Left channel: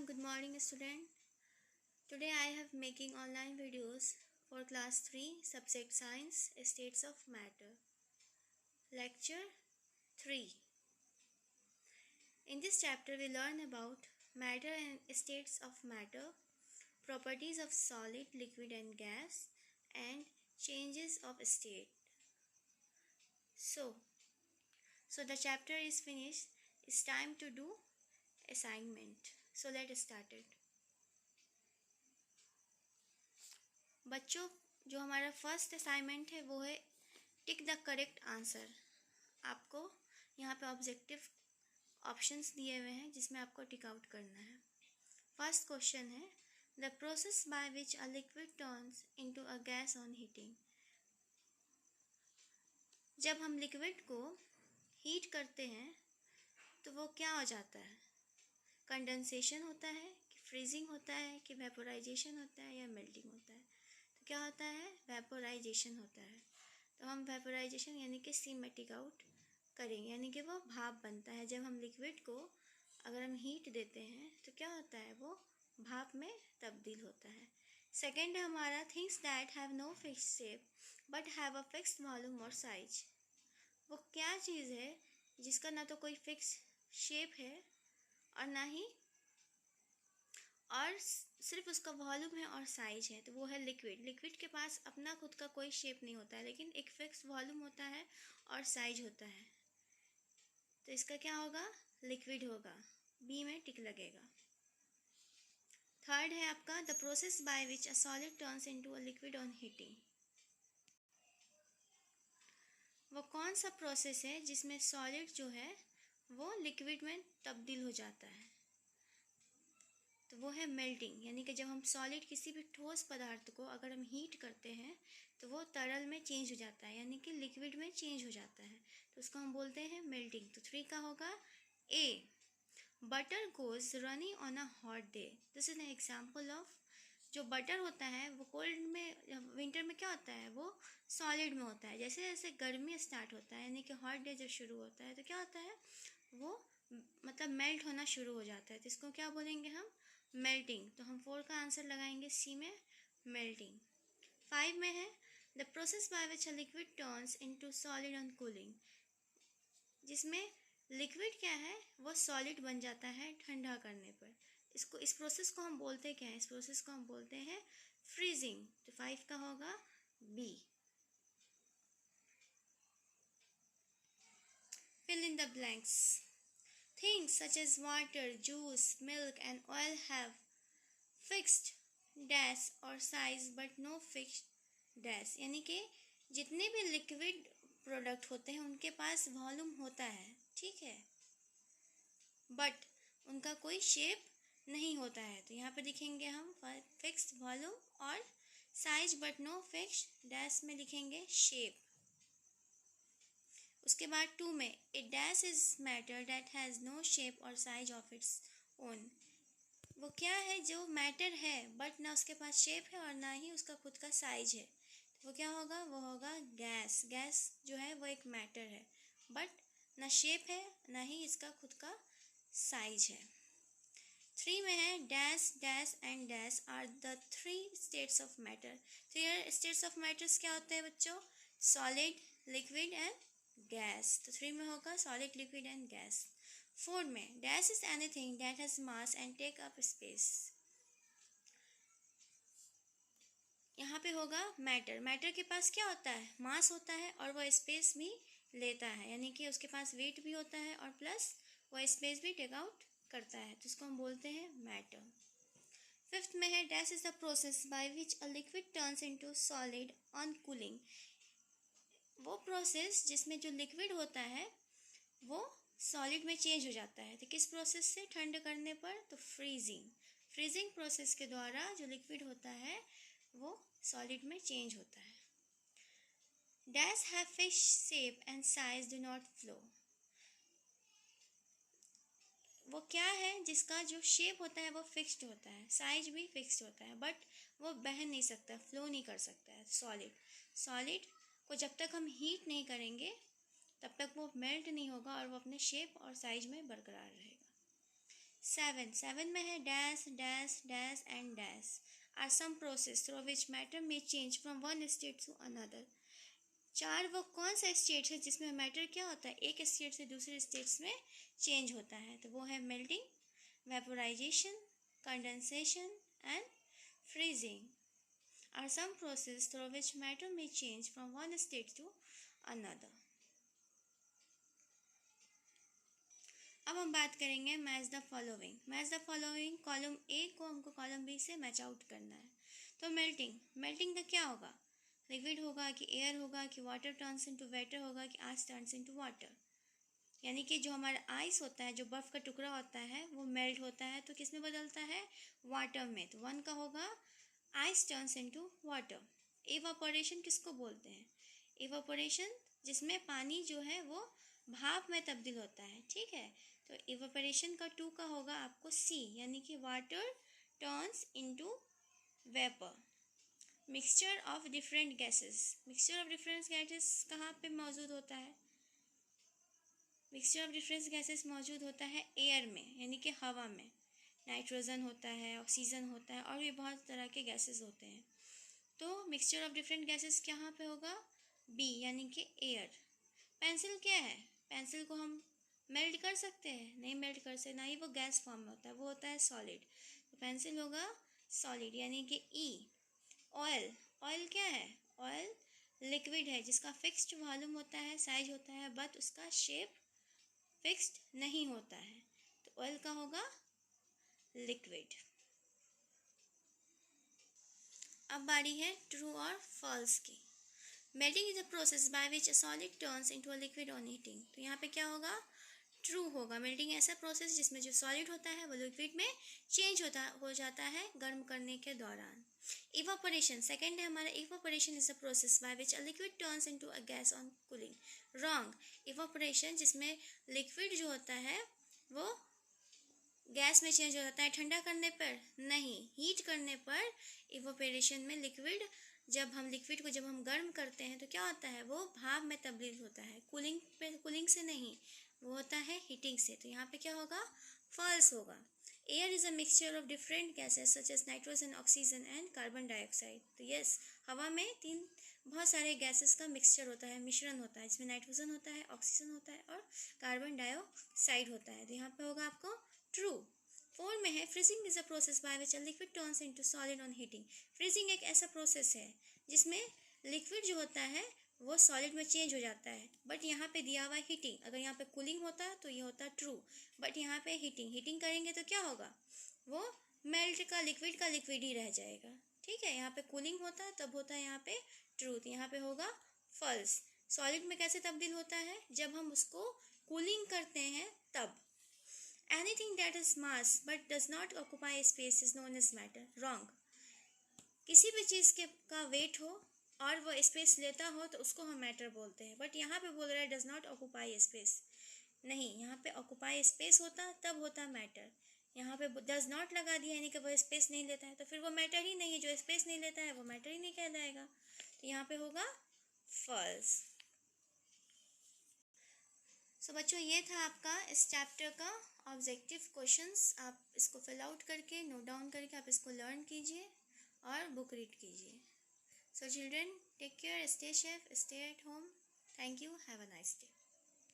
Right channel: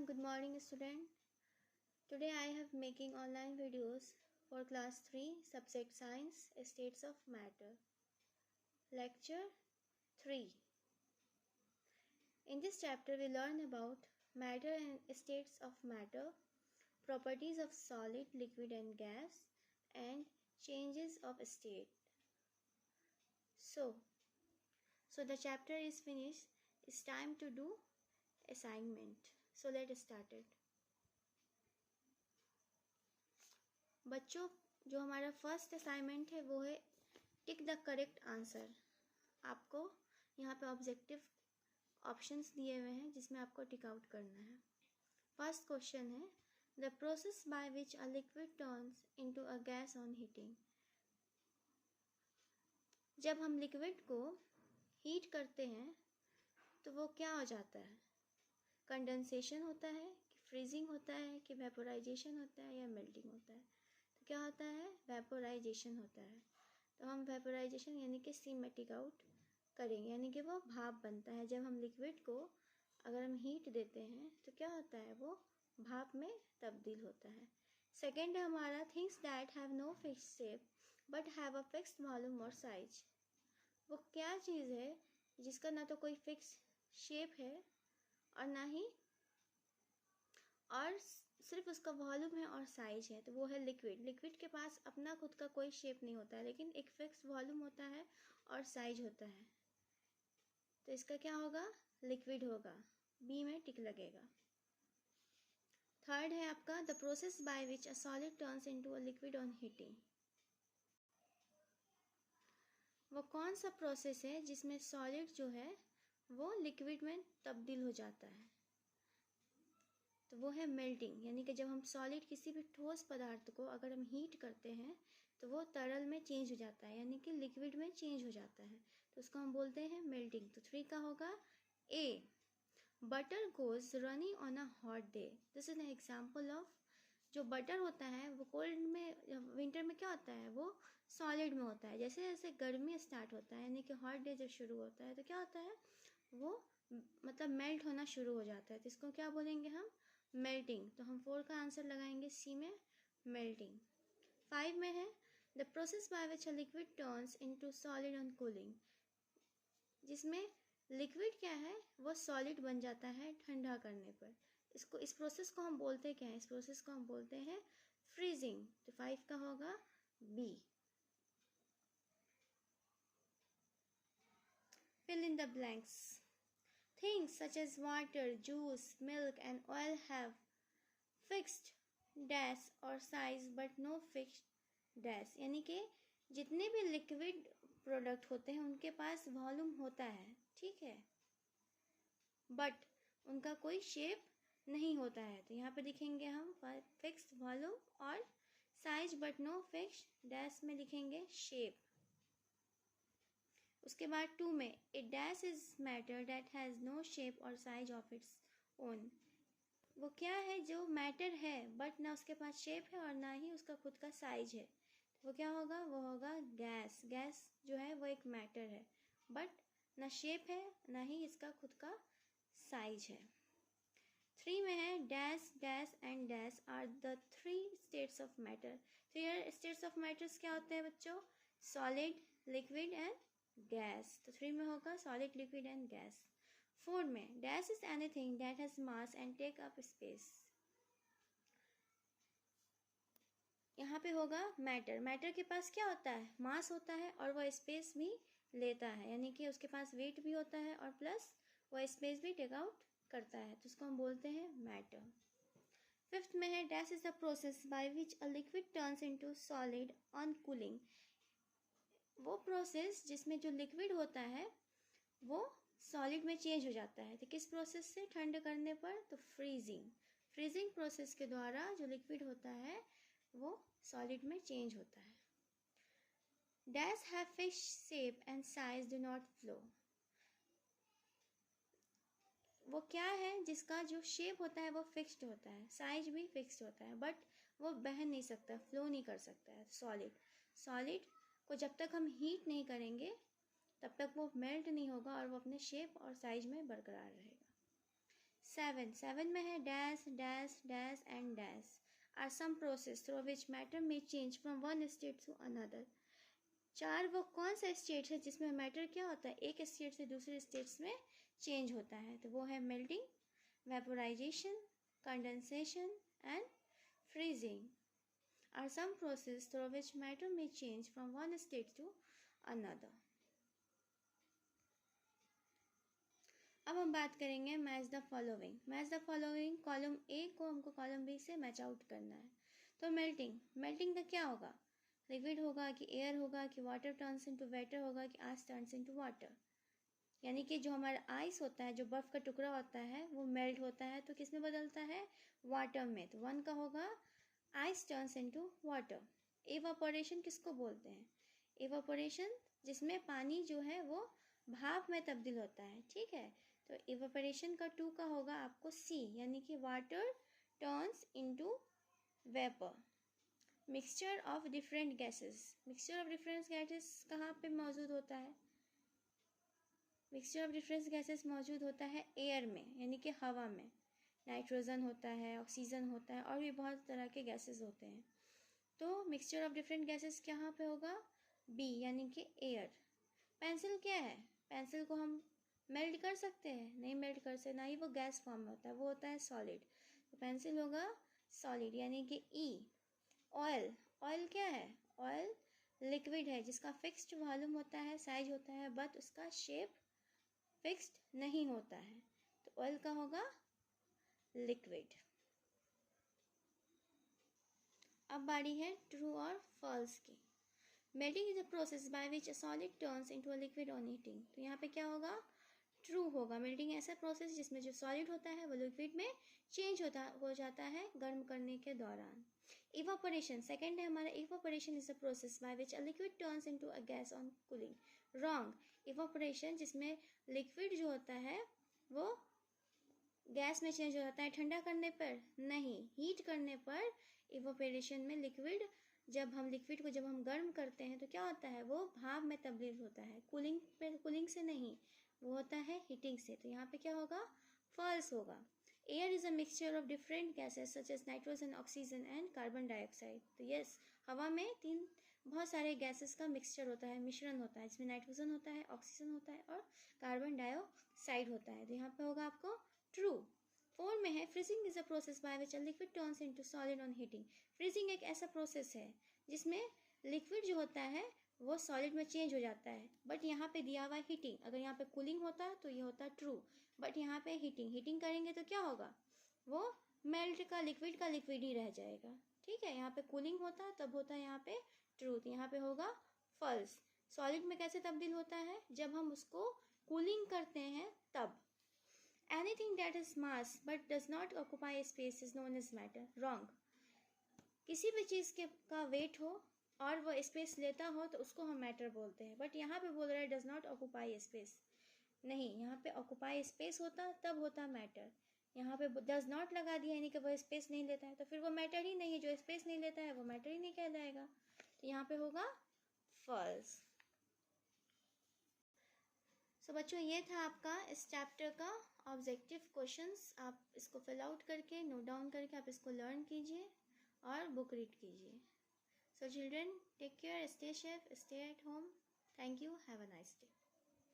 everyone, good morning student. Today I have making online videos for class 3 subject science states of matter. Lecture 3. In this chapter we learn about matter and states of matter, properties of solid, liquid and gas, and changes of state. So the chapter is finished. It's time to do assignment. So let's start it. बच्चों, जो हमारा first assignment है वो है tick the correct answer. आपको यहाँ पे objective options दिए हुए हैं जिसमें आपको टिक आउट करना है। फर्स्ट क्वेश्चन है the process by which a liquid turns into a gas on heating. जब हम लिक्विड को हीट करते हैं तो वो क्या हो जाता है? कंडेंसेशन होता है कि फ्रीजिंग होता है कि वेपोराइजेशन होता है या मेल्टिंग होता है? तो क्या होता है? वेपोराइजेशन होता है। तो हम वेपोराइजेशन यानी कि सी में टिक आउट करेंगे, यानी कि वो भाप बनता है। जब हम लिक्विड को अगर हम हीट देते हैं तो क्या होता है? वो भाप में तब्दील होता है। सेकेंड है हमारा things that have no fixed shape but have a fixed volume और साइज। वो क्या चीज़ है जिसका ना तो कोई फिक्स शेप है और ना ही और सिर्फ उसका वॉल्यूम है और साइज है, तो वो है लिक्विड। लिक्विड के पास अपना खुद का कोई शेप नहीं होता है, लेकिन एक फिक्स वॉल्यूम होता है और साइज होता है। तो इसका क्या होगा? लिक्विड होगा। बी में टिक लगेगा। थर्ड है आपका the process by which a solid turns into a liquid on heating. वो कौन सा प्रोसेस है जिसमें सॉलिड जो है वो लिक्विड में तब्दील हो जाता है? तो वो है मेल्टिंग, यानी कि जब हम सॉलिड किसी भी ठोस पदार्थ को अगर हम हीट करते हैं तो वो तरल में चेंज हो जाता है, यानी कि लिक्विड में चेंज हो जाता है, तो उसको हम बोलते हैं मेल्टिंग। तो 3 का होगा A. Butter goes running on a hot day. This is an example of जो बटर होता है वो कोल्ड में विंटर में क्या होता है? वो सॉलिड में होता है। जैसे जैसे गर्मी स्टार्ट होता है यानी कि हॉट डे जब शुरू होता है तो क्या होता है? वो मतलब मेल्ट होना शुरू हो जाता है। तो इसको क्या बोलेंगे हम? मेल्टिंग। तो हम 4 का आंसर लगाएंगे सी में, मेल्टिंग। 5 में है the process by which a liquid turns into solid on cooling. जिसमें लिक्विड क्या है? वो सॉलिड बन जाता है ठंडा करने पर। इस प्रोसेस को हम बोलते क्या हैं? इस प्रोसेस को हम बोलते हैं फ्रीजिंग। तो 5 का होगा B. Fill in the blanks. Things such as water, juice, milk and oil have fixed dash or size but no fixed dash। यानी कि जितने भी लिक्विड प्रोडक्ट होते हैं उनके पास वॉल्यूम होता है, ठीक है, बट उनका कोई शेप नहीं होता है। तो यहाँ पे लिखेंगे हम फिक्स्ड वॉल्यूम और size but no fixed dash में लिखेंगे शेप। उसके बाद 2 में A dash is matter that has no shape और साइज ऑफ इट्स ओन। वो क्या है जो मैटर है बट ना उसके पास शेप है और ना ही उसका खुद का साइज है? तो वो क्या होगा? वो होगा गैस। गैस जो है वो एक मैटर है बट ना शेप है ना ही इसका खुद का साइज है। 3 में है dash dash and dash are the 3 states of matter. 3 states of matters क्या होते हैं बच्चों? Solid, liquid and gas. तो 3 में होगा सॉलिड, लिक्विड एंड गैस। 4 में dash is anything that has mass and take up space. यहाँ पे होगा मैटर। मैटर के पास क्या होता है? मास होता है और वह स्पेस भी लेता है, यानी कि उसके पास वेट भी होता है और प्लस वह स्पेस भी टेक आउट करता है, तो इसको हम बोलते हैं मैटर। 5th में है dash is the process by which a liquid turns into solid on cooling. वो प्रोसेस जिसमें जो लिक्विड होता है वो सॉलिड में चेंज हो जाता है। तो किस प्रोसेस से? ठंड करने पर। तो फ्रीजिंग। फ्रीजिंग प्रोसेस के द्वारा जो लिक्विड होता है वो सॉलिड में चेंज होता है। Dash have fixed shape and size do not flow. वो क्या है जिसका जो शेप होता है वो फिक्स्ड होता है, साइज भी फिक्स्ड होता है, बट वो बह नहीं सकता, फ्लो नहीं कर सकता है। सॉलिड को जब तक हम हीट नहीं करेंगे तब तक वो मेल्ट नहीं होगा और वो अपने शेप और साइज में बरकरार रहेगा। 7 में है dash dash dash and dash are some process through which matter may change from one state to another. 4 वो कौन सा स्टेट है जिसमें मैटर क्या होता है, एक स्टेट से दूसरे स्टेट्स में चेंज होता है। तो वो है melting, vaporisation, condensation and freezing are some process through which matter may change from one state to another. अब हम बात करेंगे match the following. Match the following, column A को हमको कॉलम बी से मैच आउट करना है। तो मेल्टिंग का क्या होगा, लिक्विड होगा कि एयर होगा कि वाटर टर्न्स इनटू वेटर होगा कि आइस टर्न्स इनटू वाटर। यानी कि जो हमारा आइस होता है, जो बर्फ़ का टुकड़ा होता है, वो मेल्ट होता है तो किस में बदलता है, वाटर में। तो 1 का होगा ice turns into water. Evaporation किसको बोलते हैं, इवापोरेशन जिसमें पानी जो है वो भाप में तब्दील होता है, ठीक है। तो इवापोरेशन का 2 का होगा आपको सी, यानी कि water turns into vapour. Mixture of different gases, mixture of different gases कहाँ पे मौजूद होता है, मिक्सचर ऑफ डिफरेंट गैसेस मौजूद होता है एयर में, यानी कि हवा में। नाइट्रोजन होता है, ऑक्सीजन होता है और भी बहुत तरह के गैसेस होते हैं। तो मिक्सचर ऑफ डिफरेंट गैसेस कहाँ पे होगा, बी, यानी कि एयर। पेंसिल क्या है, पेंसिल को हम मेल्ट कर सकते हैं, नहीं मेल्ट कर सकते, ना ही वो गैस फॉर्म में होता है, वो होता है सॉलिड। तो पेंसिल होगा सॉलिड, यानी कि ई। ऑयल, ऑयल क्या है, ऑयल लिक्विड है जिसका फिक्स्ड वॉल्यूम होता है, साइज होता है, बट उसका शेप फिक्स्ड नहीं होता है। तो ऑयल का होगा लिक्विड। अब बारी है ट्रू और फॉल्स की। Melting is a process by which a solid turns into a liquid on heating. तो यहाँ पे क्या होगा, ट्रू होगा। मेल्टिंग ऐसा प्रोसेस जिसमें जो सॉलिड होता है वो लिक्विड में चेंज हो जाता है गर्म करने के दौरान। इवापोरेशन सेकंड है हमारा, evaporation is a process by which a liquid turns into a gas on cooling. Wrong, evaporation जिसमें लिक्विड जो होता है वो गैस में चेंज हो जाता है ठंडा करने पर, नहीं, हीट करने पर इवापोरेशन में लिक्विड, जब हम लिक्विड को जब हम गर्म करते हैं तो क्या होता है, वो भाप में तब्दील होता है, कूलिंग से नहीं, वो होता है हीटिंग से। तो यहाँ पे क्या होगा, फॉल्स होगा। Air is a mixture of different gases such as nitrogen, oxygen and carbon dioxide. तो यस, हवा में बहुत सारे गैसेस का मिक्सचर होता है, मिश्रण होता है, जिसमें नाइट्रोजन होता है, ऑक्सीजन होता है और कार्बन डाइऑक्साइड होता है। तो यहाँ पे होगा आपको ट्रू। 4 में है freezing is a process by which a liquid turns into solid on heating. Freezing एक ऐसा प्रोसेस है जिसमें लिक्विड जो होता है वो सॉलिड में चेंज हो जाता है, बट यहाँ पे दिया हुआ हीटिंग, अगर यहाँ पे कूलिंग होता तो ये होता ट्रू, बट यहाँ पे हीटिंग करेंगे तो क्या होगा, वो मेल्ट का लिक्विड ही रह जाएगा, ठीक है। यहाँ पे कूलिंग होता तब होता है यहाँ पे ट्रू, तो यहाँ पे होगा फॉल्स। सॉलिड में कैसे तब्दील होता है, जब हम उसको कूलिंग करते हैं तब। Anything that is mass but does not occupy space is known as matter. Wrong. किसी भी चीज़ के का वेट हो और वो स्पेस लेता हो तो उसको हम मैटर बोलते हैं, बट यहाँ पे बोल रहा है डज नॉट ऑक्यूपाई स्पेस, नहीं, यहाँ पे ऑक्यूपाई स्पेस होता तब होता मैटर। यहाँ पे डज नॉट लगा दिया यानी कि वो स्पेस नहीं लेता है, तो फिर वो मैटर ही नहीं है, जो स्पेस नहीं लेता है वो मैटर ही नहीं कहलाएगा। तो यहाँ पे होगा फॉल्स। सो बच्चों, ये था आपका इस चैप्टर का ऑब्जेक्टिव क्वेश्चंस। आप इसको फिल आउट करके, नोट डाउन करके आप इसको लर्न कीजिए और बुक रीड कीजिए। So children, take care, stay safe, stay at home. Thank you, have a nice day.